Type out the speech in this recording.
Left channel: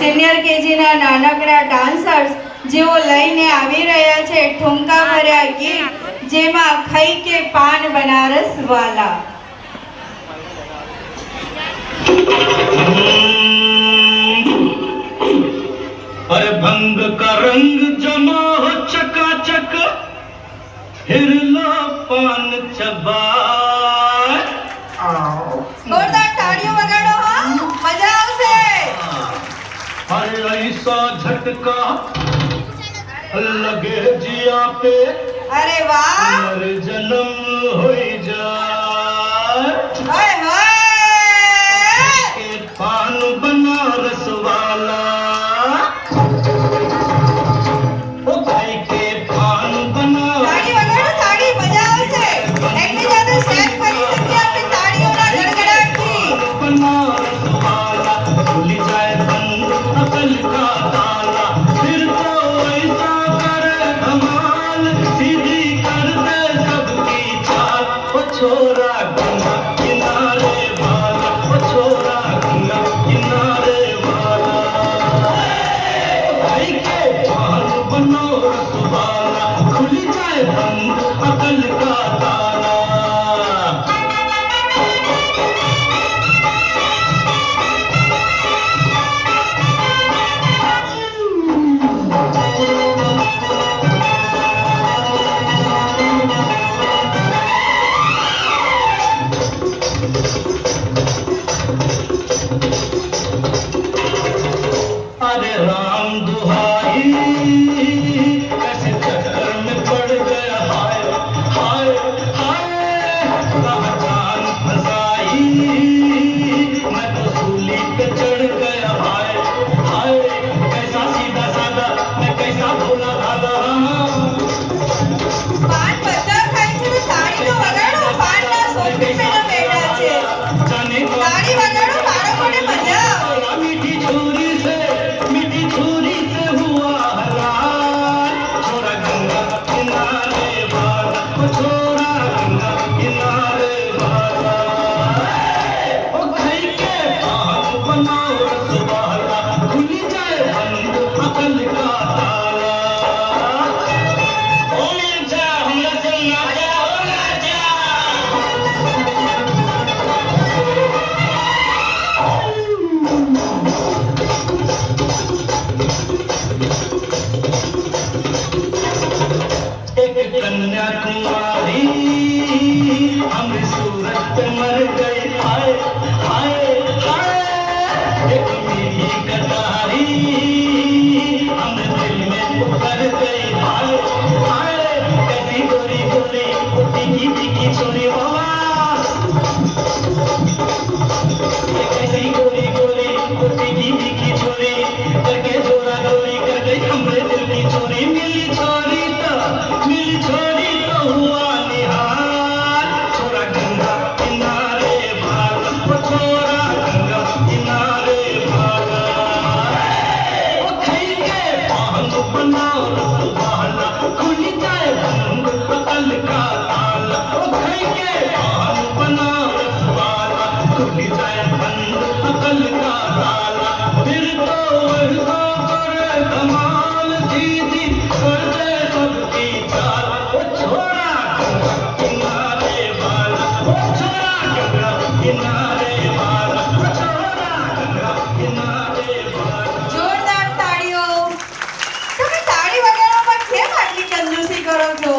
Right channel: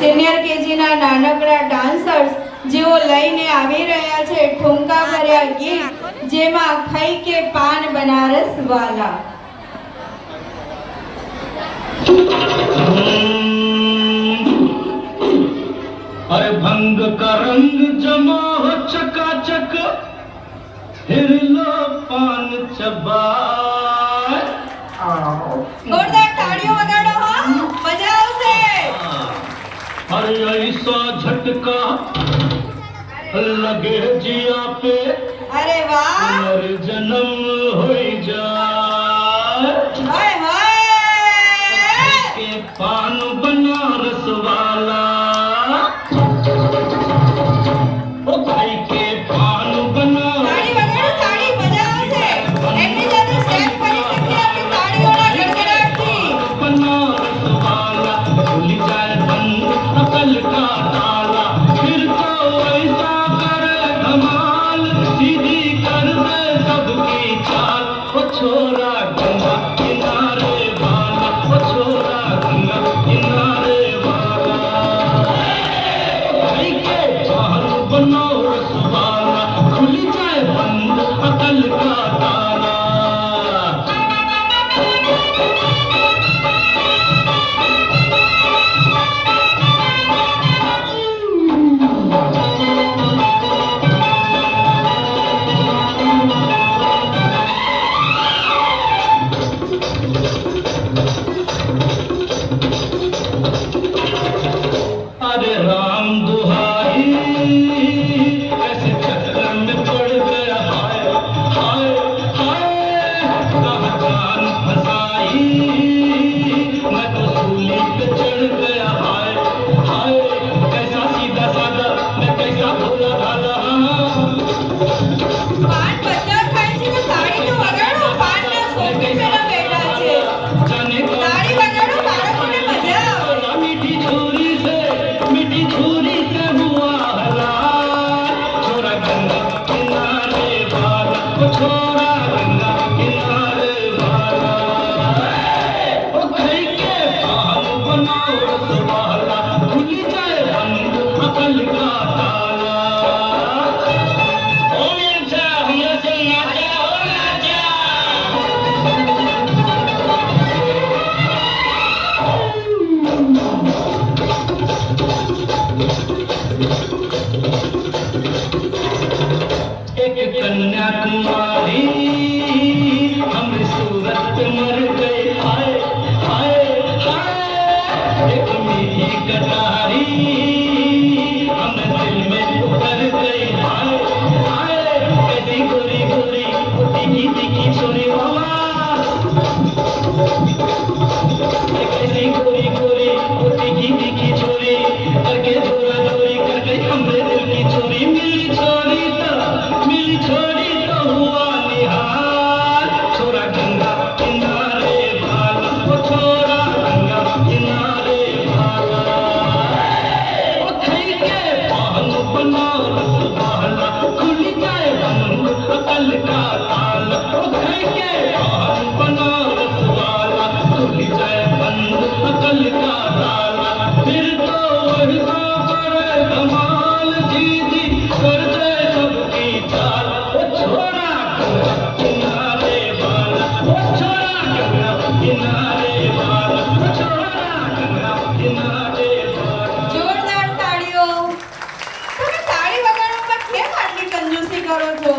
Senior કેજીના નાનકડા dancers જેઓ લઈને આવી રહ્યા છે ઠુમકા ભર્યા ગીત, જેમાં ખાઈ કે પાન બનારસ વાલા। पर भंग का रंग जमा हो चकाचक, हिरला पान चबाए। जोरदार ताड़ियों वगाड़ो, हाँ मजा आवशे। अरे ऐसा झटका लगे जिया पे, अरे वाह, जन्म हो जाए। हाय हाय, के पान बनारस वाला, छोरा गंगा किनारे वाला, छोरा गंगा किनारे वाला, भाई के पान बनारस वाला, खुल जाए बंद अकल का ताला। अरे राम दुहाई, कैसे चक्कर में पड़ गया, हाय हाय हाय, कहाँ जान फंसाई, मैं तो सूली पे चढ़ गया, हाय हाय, कैसा सीधा साधा, मैं कैसा भोला भाला। पान पत्ता खाई છે તો તાળી તો વગાડો, પાનના સોફી पे બેઠા છે, તાળી વગાડો, બાળકોને મજા આવે। मीठी छुरी से हुआ हलाल, छोरा गंगा किनारे वाला, छोरा गंगा किनारे वाला, ओ खाई के पान बनारस वाला, खुल जाए बंद अकल का ताला। ओ मिर्जा हमने से नाचा हो राजा। एक कन्याकुमारी हमने सूरत पे मर गए, हाय हाय हाय, एक मीठी कटारी हमने दिल में उतर गई, हाय हाय, कैसी गोरी गोरी तीखी तीखी सुनी बाबा, कैसी गोरी गोरी तीखी तीखी छोरी करके जोरा गोरी करके हमरे दिल की चोरी। मिली छोरी तो हुआ निहाल, छोरा गंगा किनारे वाला, छोरा गंगा किनारे वाला, ओ खाई के पान बनारस वाला, खुल जाए बंद अकल का ताला, ओ खाई के पान बनारस वाला, खुल जाए बंद अकल का ताला। फिर तो वर्षा करे धमाल, दीदी कर दे सबकी चाल, ओ छोरा गंगा किनारे वाला, ओ छोरा गंगा किनारे वाला, ओ छोरा गंगा किनारे वाला। જોરદાર તાળીઓ। તમે તાળી વગાડવામાં કેમ આટલી કંજૂસી કરો છો?